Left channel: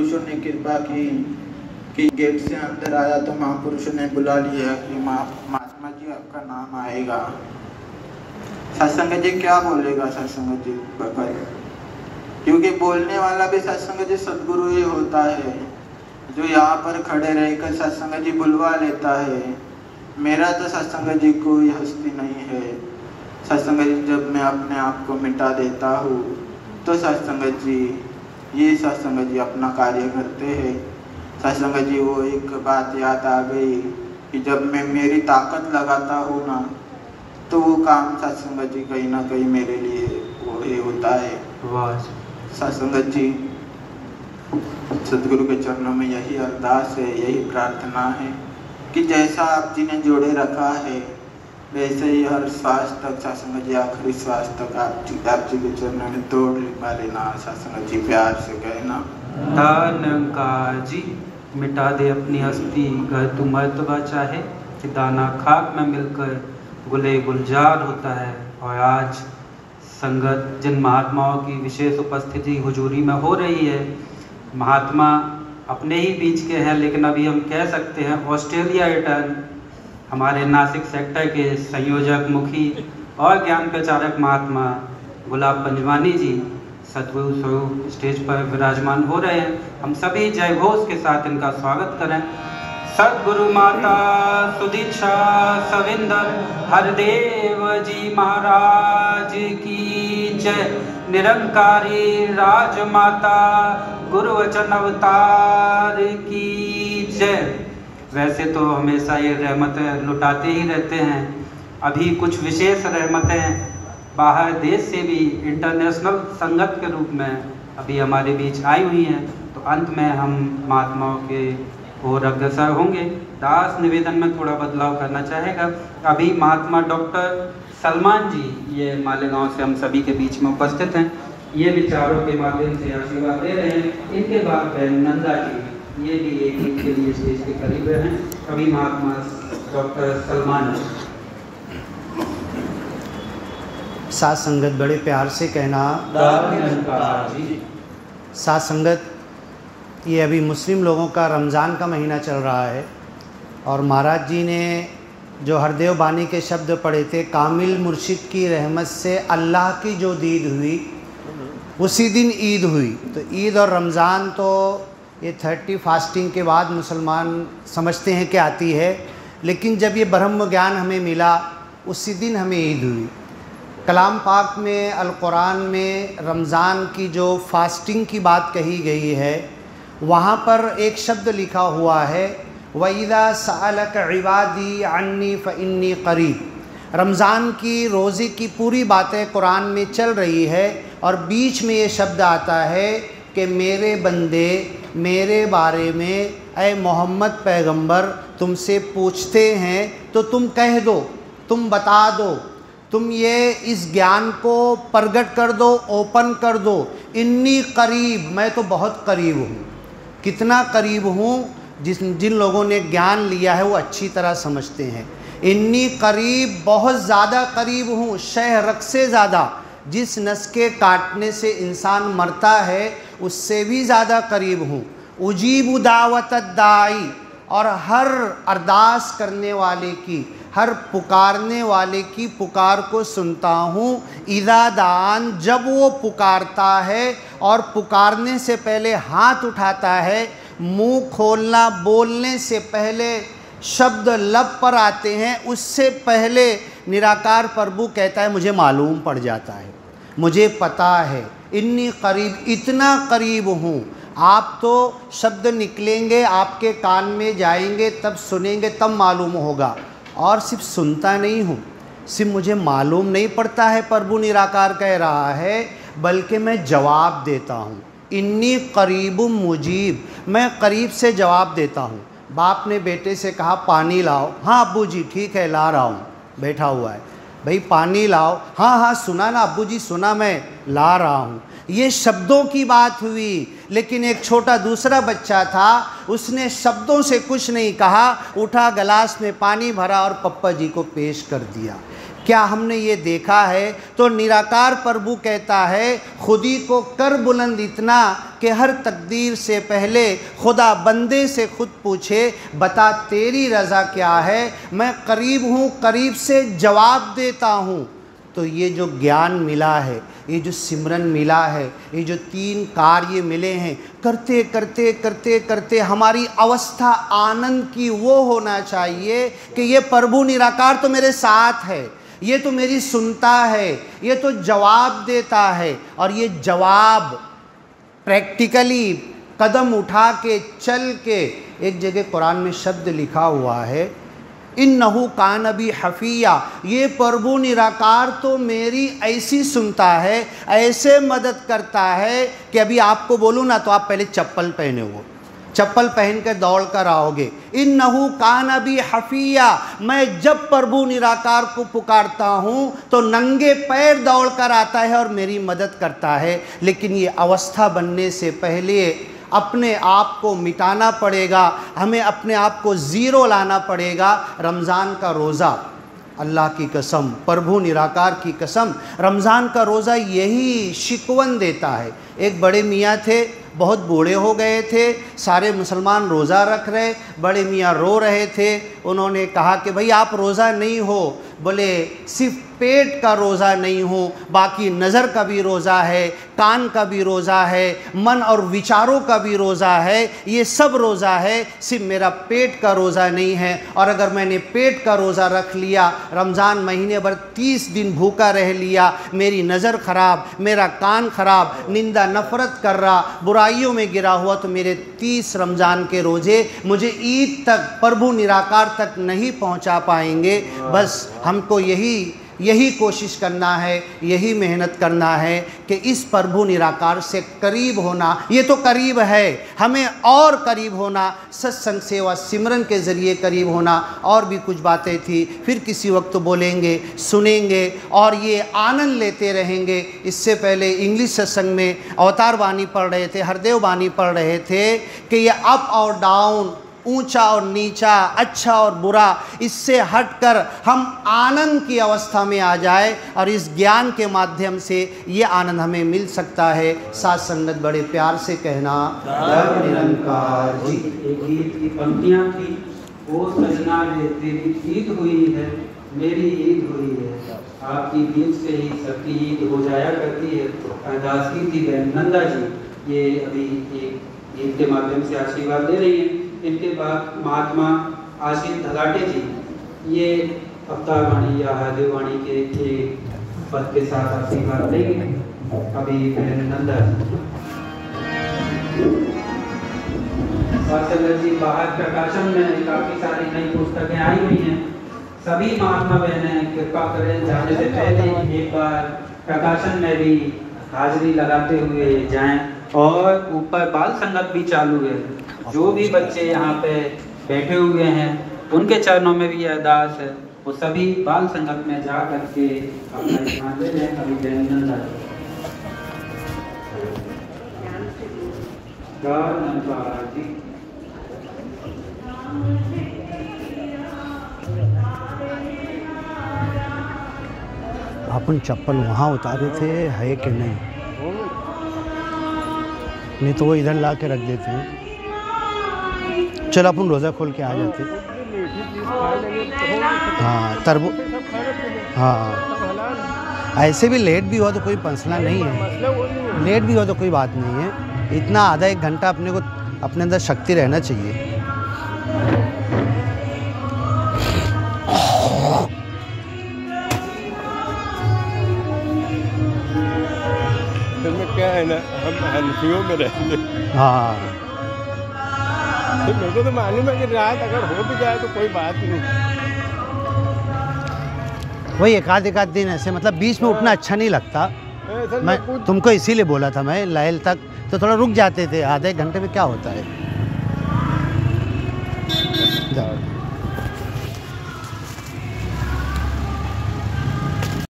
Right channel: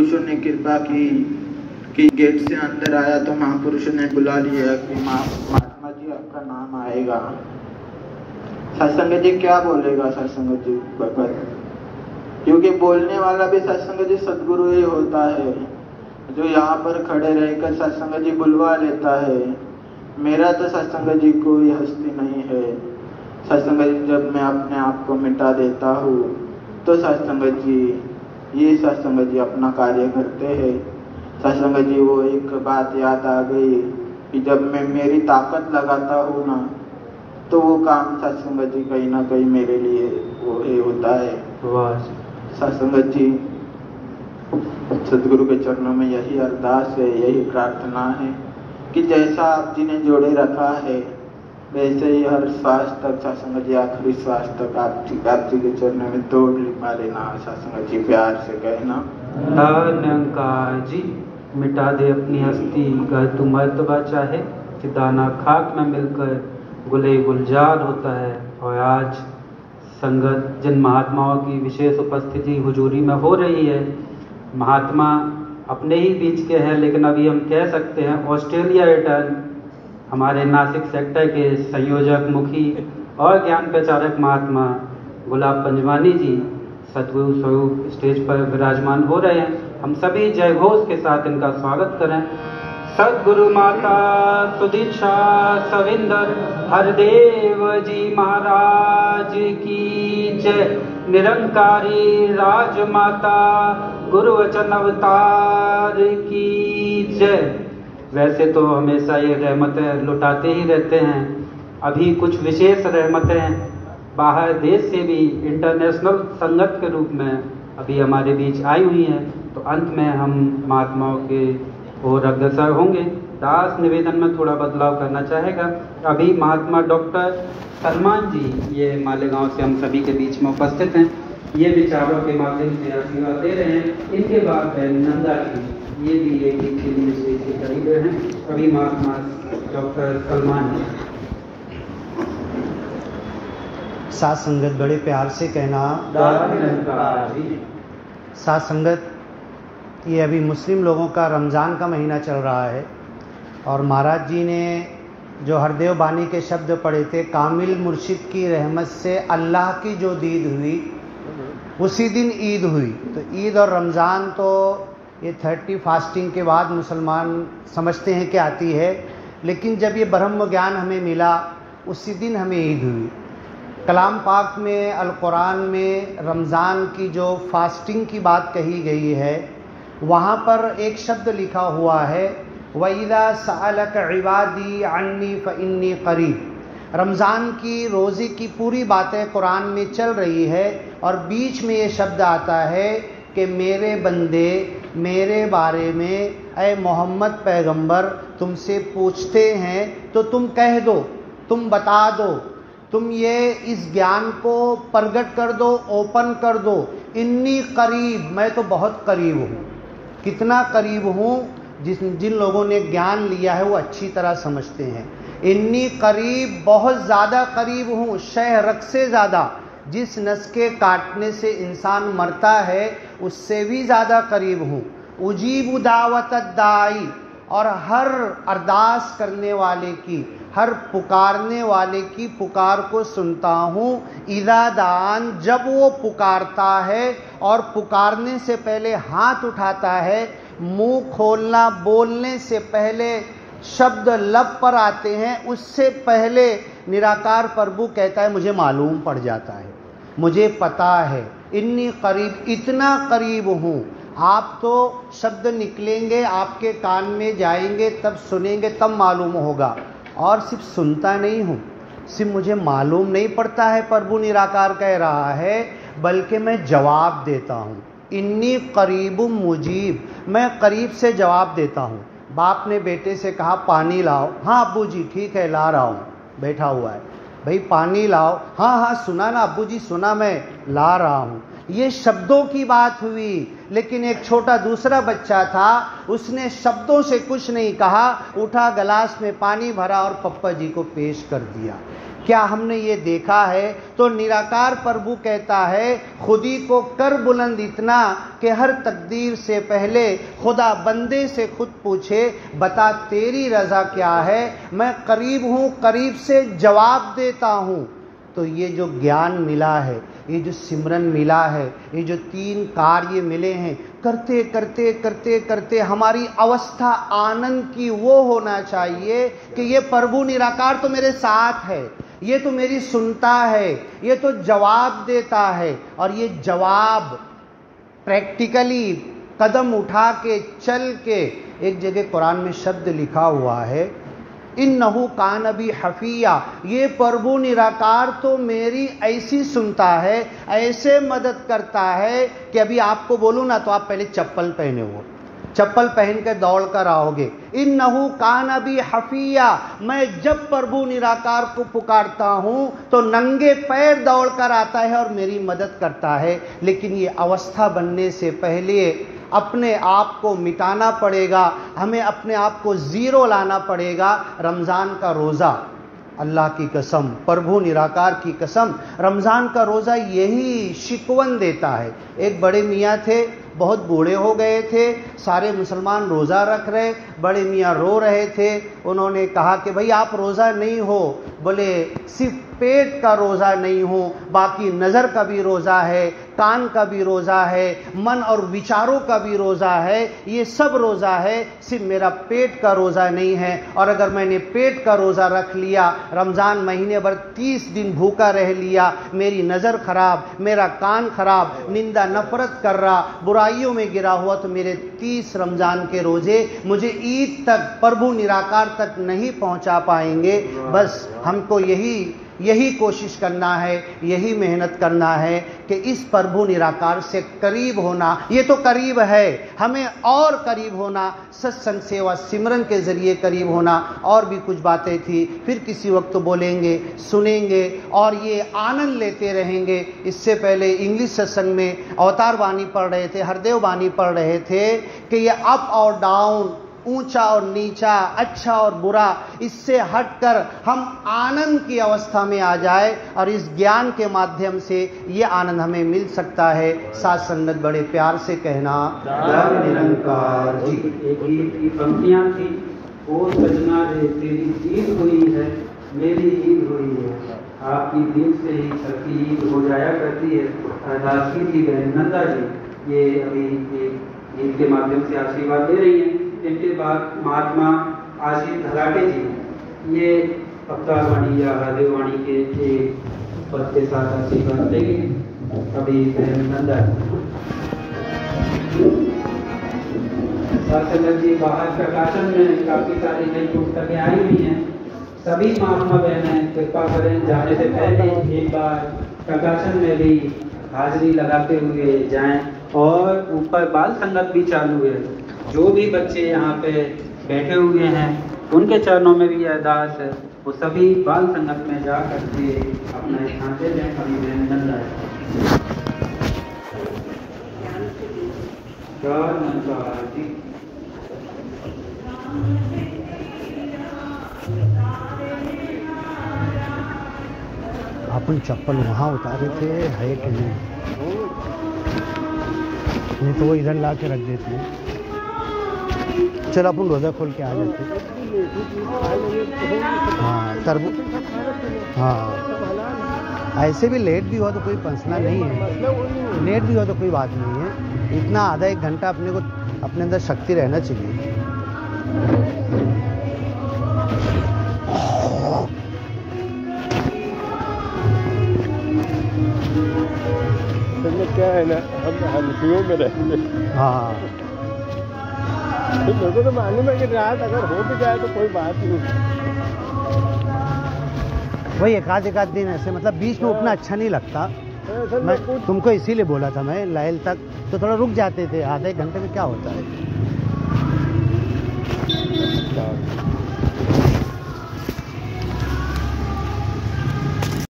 महापुरुषों ने कृपा की कि गेट से अंदर आया तो महापुरुषों ने बुला लिया कि महात्मा जी आपका नाम आएगा। सत्संग जी क्या बोलेगा सत्संग जी बकर, क्योंकि बोलने वाला भी सत्संग जी सदगुरु ही होता है, जो यहाँ पर खड़े रहकर सत्संग जी बुलवा लेता है। मेरा तो सत्संग जी कोई हस्ती नहीं है। सत्संग जी जब मैं अपने आप को मिटा देता हूँ तो सत्संग जी ये सत्संग जी अपना कार्य करते हैं। सत्संग जी वो एक बात याद आ गई कि जब मैं मेरी ताकत लगाता हूँ ना तो वो काम सत्संग जी कहीं ना कहीं मेरे लिए वो ही होता है। सत्संग जी सदगुरु के चरणों में यही अरदास है, यही प्रार्थना है कि जैसा आप जी ने जोड़े रखा है वैसे ही हर श्वास तक सत्संग जी आखिरी श्वास तक आप जी के चरणों में तोड़ लिखा लेना। सत्संग जी प्यार से कहना निरंकार जी मिटा दे अपनी हस्ती, घर तू मर्तबा चाहे कि दाना खाक में मिलकर गुले गुलजार होता है। और आज संगत जिन महात्माओं की विशेष उपस्थिति हुजूरी में हो रही है, महात्मा अपने ही बीच के हैं, लेकिन अभी हम कह सकते हैं ऑस्ट्रेलिया रिटर्न हमारे नासिक सेक्टर के संयोजक मुखी और ज्ञान प्रचारक महात्मा गुलाब पंजवानी जी सदगुरु स्वरूप स्टेज पर विराजमान हो रहे हैं। हम सभी जय घोष के साथ इनका स्वागत करें। सदगुरु माता सुदीक्षा सविंदर हरदेव जी महाराज की जय। निरंकारी राजमाता गुरु वचन अवतार की जय। वैसे तो हमेशा ये रहमतें लुटाते ही रहते हैं, अभी कुछ विशेष रहमतें बाहर देश से भी इंटरनेशनल संगत के रूप में अभी हमारे बीच आई हुई हैं। तो अंत में हम महात्माओं के ओर अग्रसर होंगे। दास निवेदन में थोड़ा बदलाव करना चाहेगा। अभी महात्मा डॉक्टर सलमान जी ये मालेगांव से हम सभी के बीच में उपस्थित हैं, ये विचारों के माध्यम से आशीर्वाद दे रहे हैं। इनके बाद बहन नंदा जी ये भी एक के लिए स्टेज के करीब हैं। अभी महात्मा डॉक्टर सलमान जी। साथ संगत बड़े प्यार से कहना साथ संगत, ये अभी मुस्लिम लोगों का रमज़ान का महीना चल रहा है और महाराज जी ने जो हरदेव बानी के शब्द पढ़े थे, कामिल मुर्शिद की रहमत से अल्लाह की जो दीद हुई उसी दिन ईद हुई। तो ईद और रमज़ान तो ये 30 फास्टिंग के बाद मुसलमान समझते हैं कि आती है, लेकिन जब ये ब्रह्म ज्ञान हमें मिला उसी दिन हमें ईद हुई। कलाम पाक में अल कुरान में रमज़ान की जो फास्टिंग की बात कही गई है वहाँ पर एक शब्द लिखा हुआ है वइज़ा सअलक इबादी अन्नी फ़इन्नी क़रीब। रमज़ान की रोज़े की पूरी बातें कुरान में चल रही है और बीच में ये शब्द आता है कि मेरे बंदे मेरे बारे में ऐ मोहम्मद पैगंबर तुमसे पूछते हैं तो तुम कह दो, तुम बता दो, तुम ये इस ज्ञान को प्रगट कर दो, ओपन कर दो। इन्नी करीब, मैं तो बहुत करीब हूँ। कितना करीब हूँ जिन लोगों ने ज्ञान लिया है वो अच्छी तरह समझते हैं। इन्नी करीब, बहुत ज़्यादा करीब हूँ, शहरक से ज़्यादा। जिस नस के काटने से इंसान मरता है उससे भी ज़्यादा करीब हूँ। उजीब दावत दाई, और हर अरदास करने वाले की, हर पुकारने वाले की पुकार को सुनता हूँ। इज़ा दान, जब वो पुकारता है और पुकारने से पहले हाथ उठाता है, मुंह खोलना बोलने से पहले शब्द लब पर आते हैं, उससे पहले निराकार प्रभु कहता है मुझे मालूम पड़ जाता है, मुझे पता है। इन्नी करीब, इतना करीब हूँ। आप तो शब्द निकलेंगे, आपके कान में जाएंगे, तब सुनेंगे, तब मालूम होगा। और सिर्फ सुनता नहीं हूँ, सिर्फ मुझे मालूम नहीं पड़ता है प्रभु निराकार कह रहा है, बल्कि मैं जवाब देता हूँ। इन्नी करीब मुजीब, मैं करीब से जवाब देता हूँ। बाप ने बेटे से कहा पानी लाओ, हाँ अब्बू जी ठीक है ला रहा हूँ, बैठा हुआ है। भाई पानी लाओ, हाँ हाँ सुना ना अब्बू जी, सुना मैं, ला रहा हूँ। ये शब्दों की बात हुई, लेकिन एक छोटा दूसरा बच्चा था, उसने शब्दों से कुछ नहीं कहा, उठा गिलास में पानी भरा और पप्पा जी को पेश कर दिया। क्या हमने ये देखा है? तो निराकार प्रभु कहता है, खुदी को कर बुलंद इतना कि हर तकदीर से पहले खुदा बंदे से खुद पूछे, बता तेरी रज़ा क्या है, मैं करीब हूँ, करीब से जवाब देता हूँ। तो ये जो ज्ञान मिला है, ये जो सिमरन मिला है, ये जो 3 कार्य मिले हैं, करते करते करते करते हमारी अवस्था आनंद की वो होना चाहिए कि ये प्रभु निराकार तो मेरे साथ है, ये तो मेरी सुनता है, ये तो जवाब देता है। और ये जवाब प्रैक्टिकली कदम उठा के चल के, एक जगह कुरान में शब्द लिखा हुआ है, इन्नहु कान बी हफिया, ये प्रभु निराकार तो मेरी ऐसी सुनता है, ऐसे मदद करता है कि अभी आपको बोलूँ ना तो आप पहले चप्पल पहने हो, चप्पल पहन के दौड़ कर आओगे। इन्नहु कान बी हफिया, मैं जब प्रभु निराकार को पुकारता हूँ तो नंगे पैर दौड़ कर आता है और मेरी मदद करता है। लेकिन ये अवस्था बनने से पहले अपने आप को मिटाना पड़ेगा, हमें अपने आप को ज़ीरो लाना पड़ेगा। रमज़ान का रोज़ा, अल्लाह की कसम, प्रभु निराकार की कसम, रमज़ान का रोज़ा यही शिकवन देता है। एक बड़े मियाँ थे, बहुत बूढ़े हो गए थे, सारे मुसलमान रोज़ा रख रहे, बड़े मियाँ रो रहे थे। उन्होंने कहा कि भाई आप रोज़ा नहीं हो, बोले सिर्फ पेट का रोज़ा नहीं हो, बाकी नज़र का भी रोज़ा है, कान का भी रोज़ा है, मन और विचारों का भी रोज़ा है, ये सब रोज़ा है, सिर्फ मेरा पेट का रोज़ा नहीं है। और अगर मैंने पेट का रोज़ा रख लिया, रमज़ान महीने भर 30 दिन भूखा रह लिया, मेरी नज़र ख़राब, मेरा कान ख़राब, निंदा नफ़रत कर रहा, बुराइयों में गिरा हुआ, तो मेरे 30 रमज़ान के रोज़े मुझे ईद तक, प्रभु निराकार तक नहीं पहुंचा पाएंगे। बस हमको यही कोशिश करना है, यही मेहनत करना है कि इस प्रभु निराकार से करीब होना, ये तो करीब है, हमें और करीब होना, सत्संग सेवा सिमरन के ज़रिए करीब होना। और भी कुछ बातें थी, फिर किसी वक्त तो बोलेंगे, सुनेंगे और ये आनंद लेते रहेंगे। इससे पहले इंग्लिश सत्संग में अवतार वाणी पढ़ रहे थे, हरदेव वाणी पढ़ रहे थे कि ये अप और डाउन, ऊंचा और नीचा, अच्छा और बुरा, इससे हटकर हम आनंद की अवस्था में आ जाए और इस ज्ञान के माध्यम से ये आनंद हमें मिल सकता है। साथ संगत बड़े प्यार से कहना, जय निरंकार जी। एक गीत की पंक्तियाँ थी, ओ सजना रे तेरी ईद हुई है, मेरी ईद हुई है, आपकी ईद से ही सबकी ईद हो जाया करती है। अरदास की थी बहन नंदा जी, ये अभी एक गीत के माध्यम से आशीर्वाद दे रही हैं। इनके बाद महात्मा आशीष धलाटे जी, ये अवतार वाणी या हरदेव वाणी के एक पद के साथ आशीर्वाद देंगे। अभी नंदा जी बाहर प्रकाशन में काफी सारी नई पुस्तकें आई हुई हैं, सभी महात्मा बहनें कृपा करें जाने से पहले एक बार प्रकाशन में भी हाजिरी लगाते हुए जाएं। और ऊपर बाल संगत भी चालू है, जो भी बच्चे यहाँ पे बैठे हुए हैं उनके चरणों में भी अरदास है, वो सभी बाल संगत में जा करके अपना स्थान दे दें। अपन चप्पल वहाँ उतारे थे, है कि नहीं तो वो इधर ला के रख देते हैं। चलो अपन रोज़ा खोल के आ जाते। हाँ तरबू, हाँ ऐसे भी लेट भी हुआ तो कोई मसला नहीं है, लेट भी हुआ तो कोई बात नहीं है। इतना आधा एक घंटा अपने को अपने अंदर शक्ति रहना चाहिए। क्या है ना, हम हल्फियों में रहते हैं। हाँ तो लोगों को मालूम है कि रात अगर हो भी जाए तो कोई बात नहीं। वही एक आध दिन ऐसे, मतलब बीच में उठना अच्छा नहीं लगता। मैं तुमको इसीलिए बोला था, मैं लायल तक तो थोड़ा रुक जाते थे, आधे घंटे में क्या होता है।